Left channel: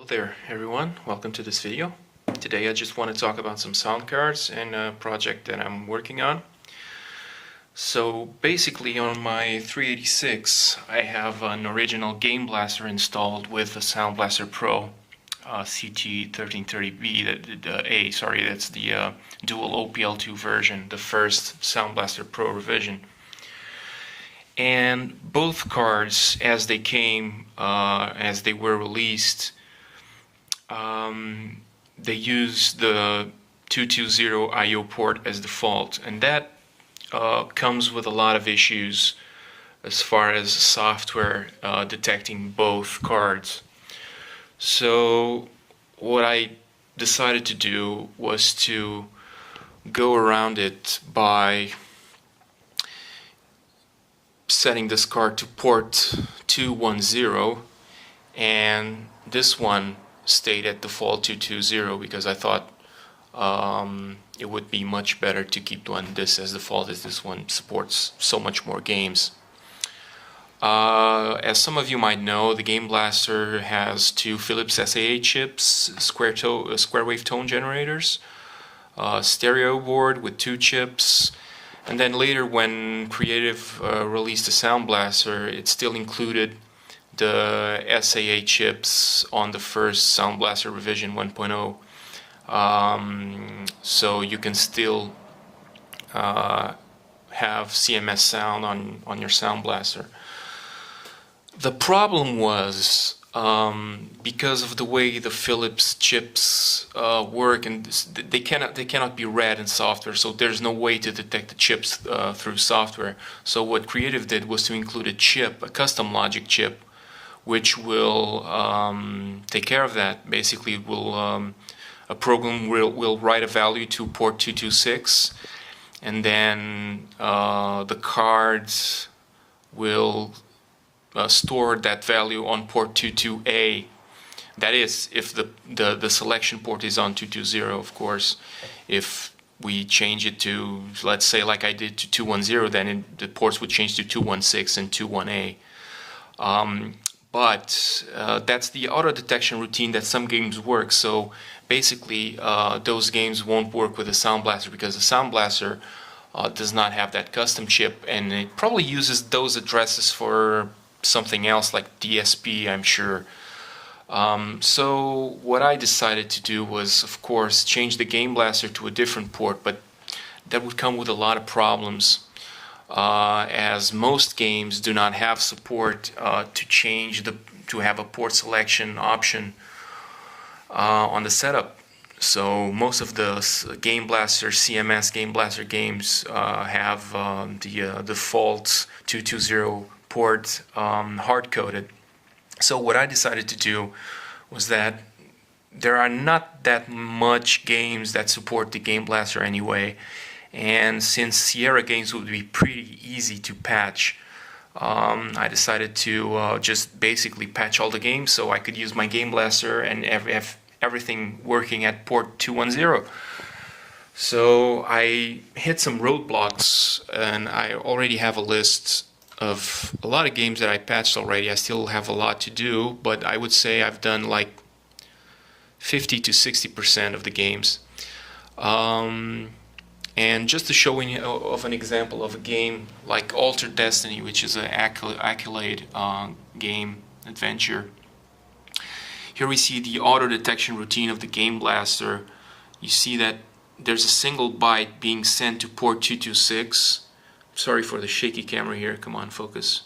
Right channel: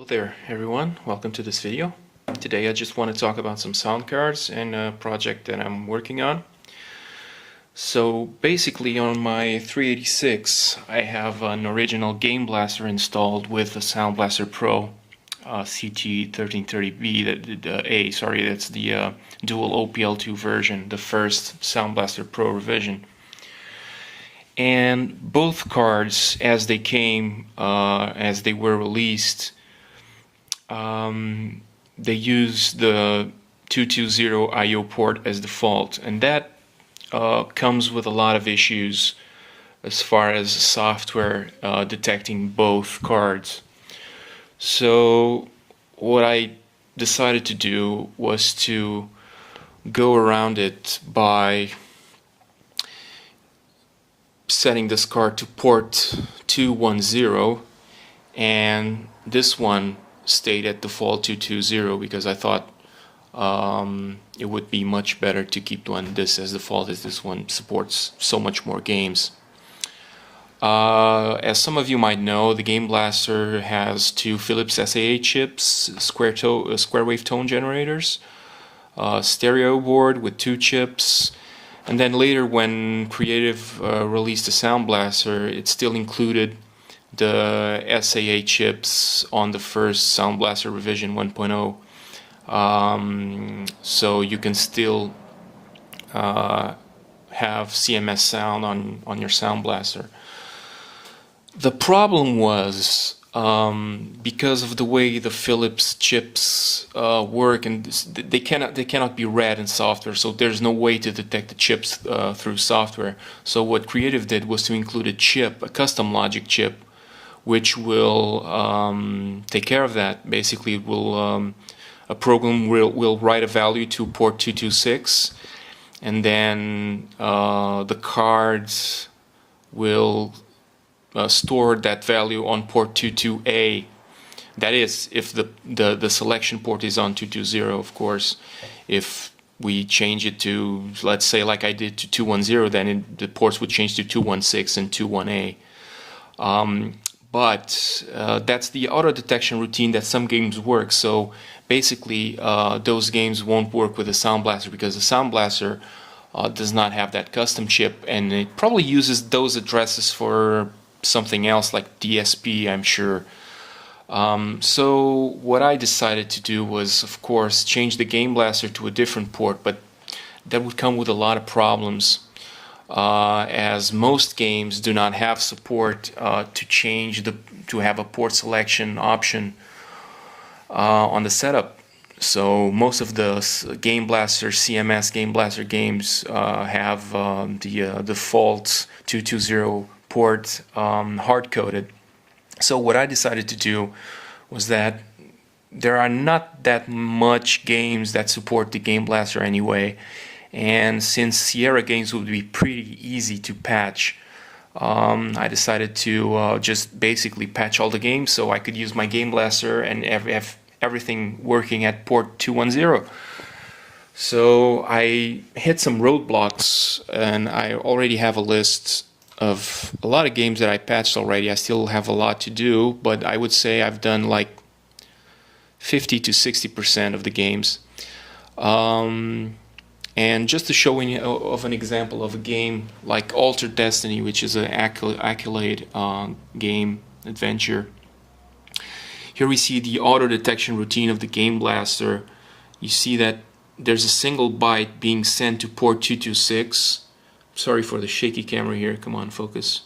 Hello there everyone, welcome to this video. Today I just want to talk about some sound cards and a project that I'm working on. So basically on my 386 I have an original Game Blaster installed with the Sound Blaster Pro CT1330B, that's the dual OPL2 version, the first Sound Blaster Pro revision. And both cards, as they came, as they were released, they use the 220 I/O port as default, and that comes with a lot of issues as far as software detecting both cards. So what I decided to do was to go around it by setting this card to port 210, and this one stayed at default 220 because I thought it would be much better to keep this as default, as this one supports so much more games. As some of you might know, the Game Blaster has two Philips SAA chips, square wave tone generators, stereo board with two chips, and then later when Creative released the Sound Blaster, it still included the SAA chips on the first Sound Blaster revision 1.0, so you can still have CMS sound on your Sound Blaster. The problem was because of the way the Philips chips work, and they cannot be read in software, so there's no way to detect the chips through software. So what Creative did was to include a chip, a custom logic chip, which will take care of that. Basically, it will a program will write a value to port 226, and then the cards will store that value on port 22A. That is, if the selection port is on 220, of course. If we change it to, let's say, like I did, to 210, then the ports would change to 216 and 21A. But that's the auto detection routine that some games work. So basically, those games won't work with the Sound Blaster because the Sound Blaster does not have that custom chip, and it probably uses those addresses for something else like DSP, I'm sure. So what I decided to do was, of course, change the Game Blaster to a different port, but that would come with a lot of problems. As most games do not have support to have a port selection option on the setup. So most of the Game Blaster CMS Game Blaster games have the default 220 port hard-coded. So what I decided to do was that there are not that much games that support the Game Blaster anyway, and since Sierra games would be pretty easy to patch, I decided to just basically patch all the games so I could use my Game Blaster and have everything working at port 210. So I hit some roadblocks, and I already have a list of a lot of games that I patched already. I still have a lot to do, but I would say I've done like 50 to 60% of the games. And just to show you of an example of a game like Altered Destiny, which is an Accolade game adventure. Here we see the auto detection routine of the Game Blaster. You see that there's a single byte being sent to port 226. Sorry for the shaky camera here, come on, focus.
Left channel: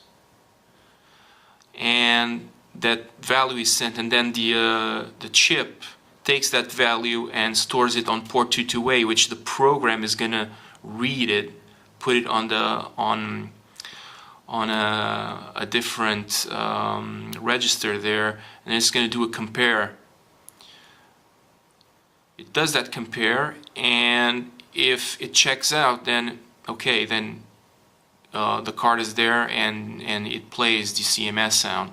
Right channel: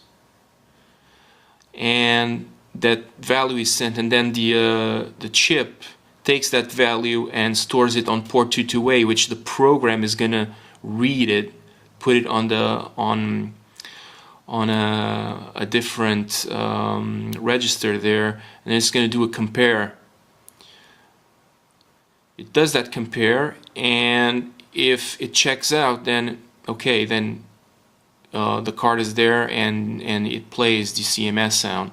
And that value is sent, and then the chip takes that value and stores it on port 22A, which the program is gonna read it, put it on a different register there, and it's gonna do a compare. It does that compare, and if it checks out, then okay, then the card is there, and it plays the CMS sound.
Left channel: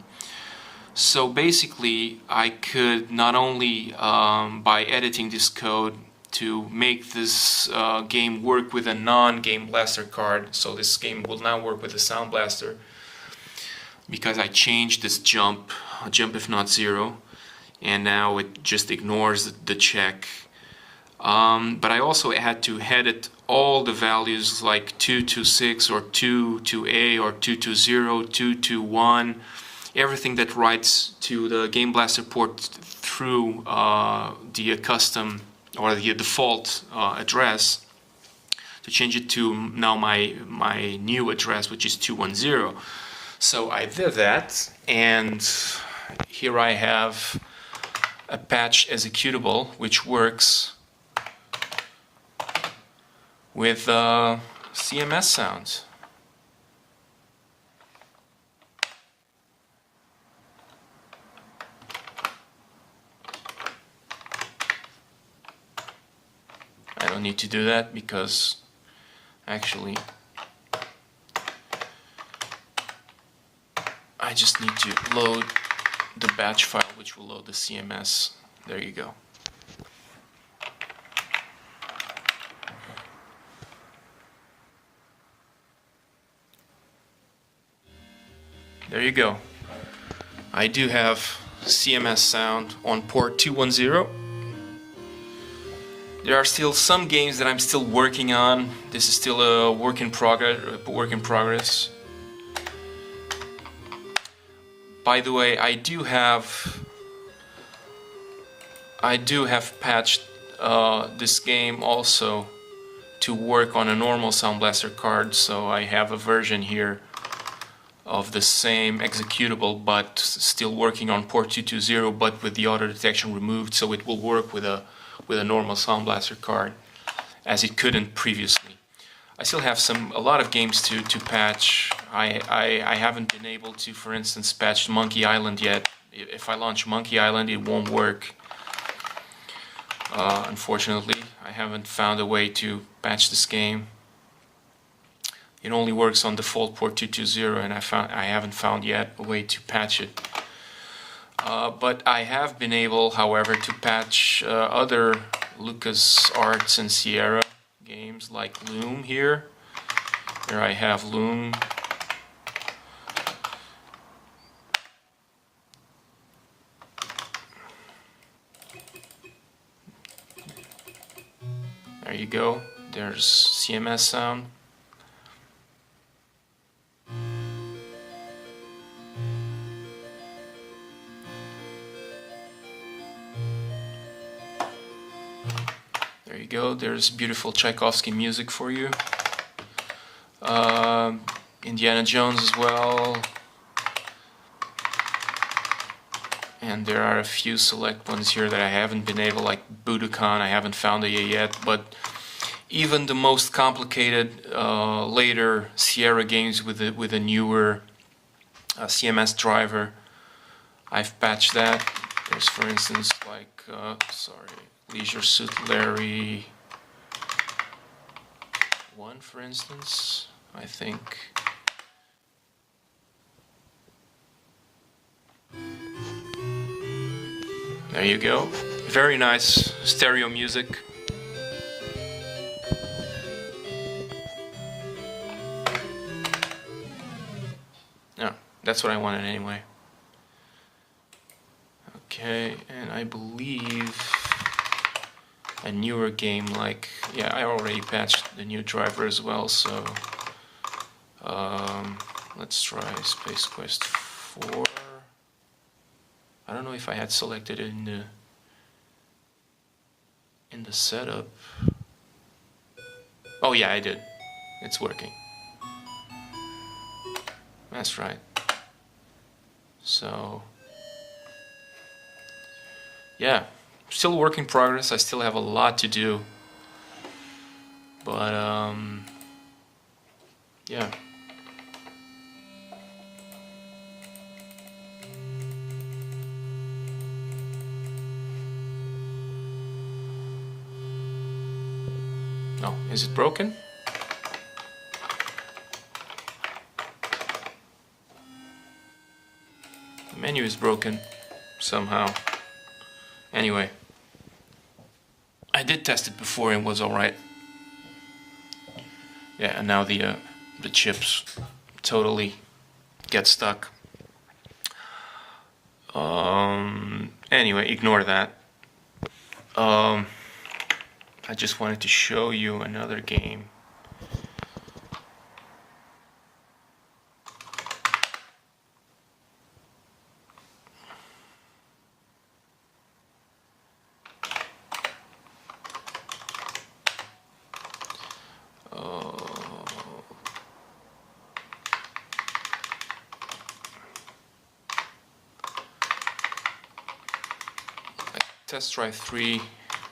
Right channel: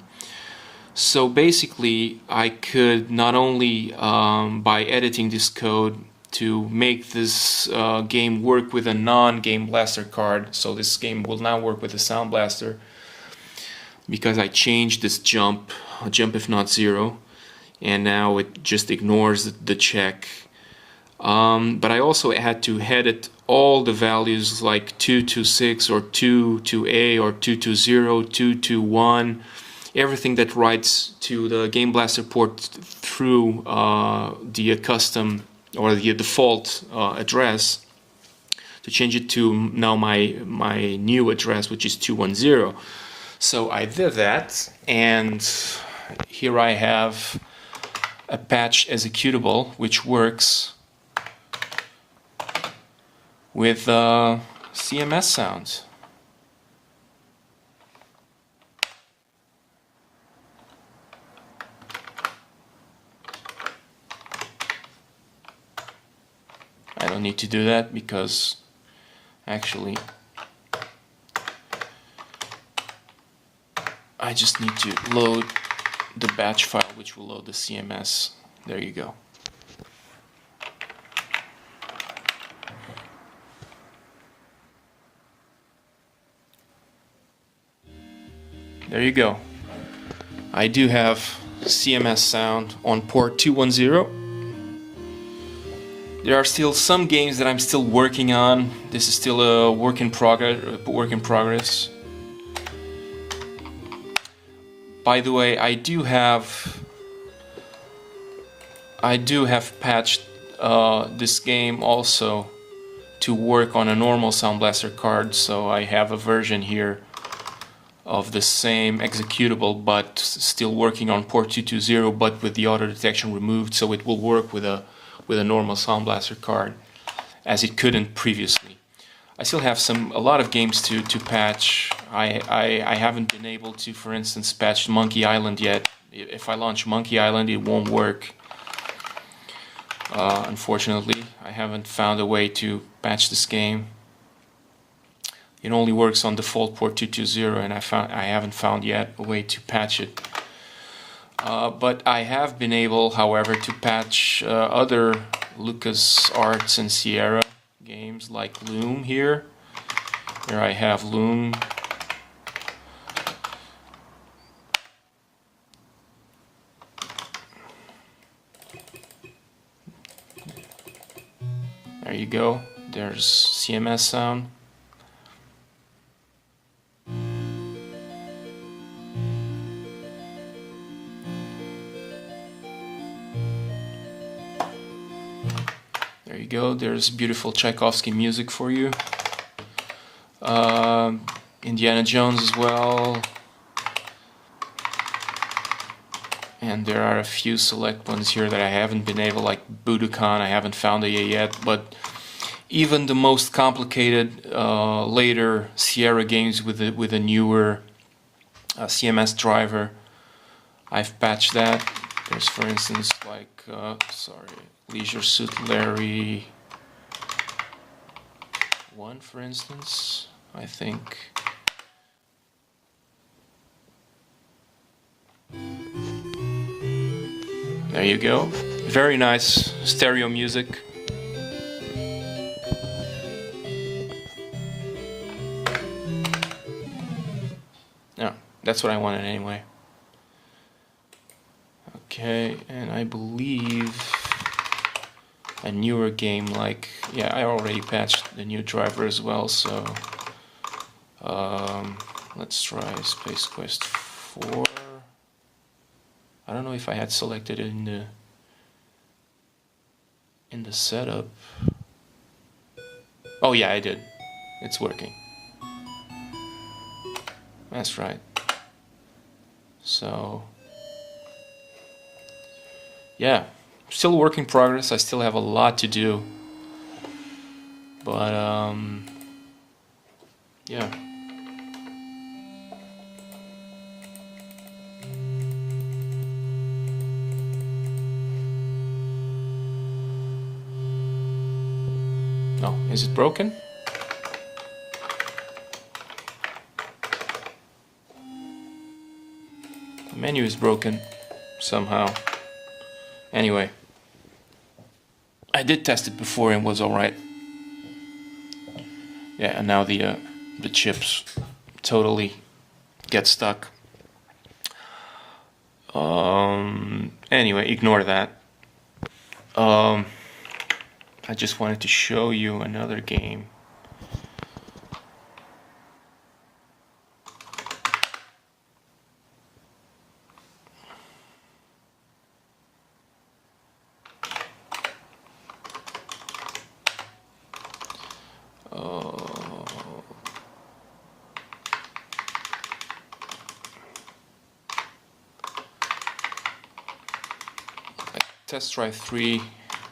So basically, I could not only by editing this code to make this game work with a non-Game Blaster card, so this game will now work with a Sound Blaster, because I changed this jump if not zero, and now it just ignores the check. But I also had to edit all the values like 226 or 22A or 220, 221, everything that writes to the Game Blaster port through the custom or the default address, to change it to now my new address, which is 210. So I did that, and here I have a patch executable which works with CMS sounds. I don't need to do that because actually I just need to load the batch file, which will load the CMS. There you go. There you go. I do have CMS sound on port 210. There are still some games that I'm still working on. This is still a work in progress. By the way, I do have patched this game also to work on a normal Sound Blaster card, so I have a version here of the same executable, but still working on port 220, but with the auto detection removed, so it will work with a normal Sound Blaster card, as it couldn't previously. I still have a lot of games to patch. I haven't been able to, for instance, patch Monkey Island yet. If I launch Monkey Island, it won't work. Unfortunately, I haven't found a way to patch this game. It only works on default port 220, and I haven't found yet a way to patch it. But I have been able, however, to patch other LucasArts and Sierra games like Loom here. Here I have Loom. There you go. There's CMS sound. There you go, there's beautiful Tchaikovsky music for you. Indiana Jones as well. And there are a few select ones here that I haven't been able, like Budokan, I haven't found it yet. But even the most complicated later Sierra games with a newer CMS driver, I've patched that. There's, for instance, like, Leisure Suit Larry 1, for instance, I think. There you go. Very nice stereo music. Yeah, that's what I wanted anyway. Okay, and I believe a newer game like, yeah, I already patched the new driver as well, so let's try Space Quest 4. I don't know if I had selected it in the setup. Oh yeah, I did. It's working. That's right. So yeah, still work in progress. I still have a lot to do, but yeah. Oh, is it broken? The menu is broken somehow. Anyway, I did test it before and was alright. Yeah, and now the chips totally get stuck. Anyway, ignore that. I just wanted to show you another game. Test Drive 3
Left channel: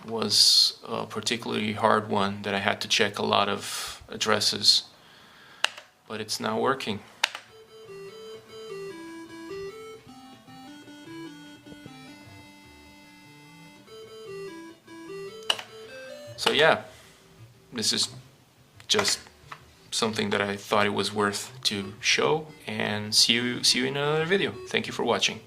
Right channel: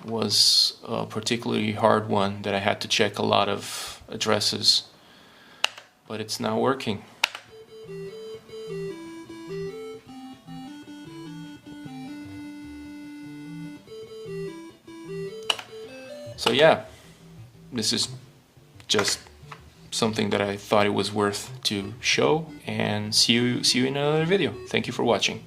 was a particularly hard one that I had to check a lot of addresses, but it's now working. So yeah, this is just something that I thought it was worth to show, and see you in another video. Thank you for watching.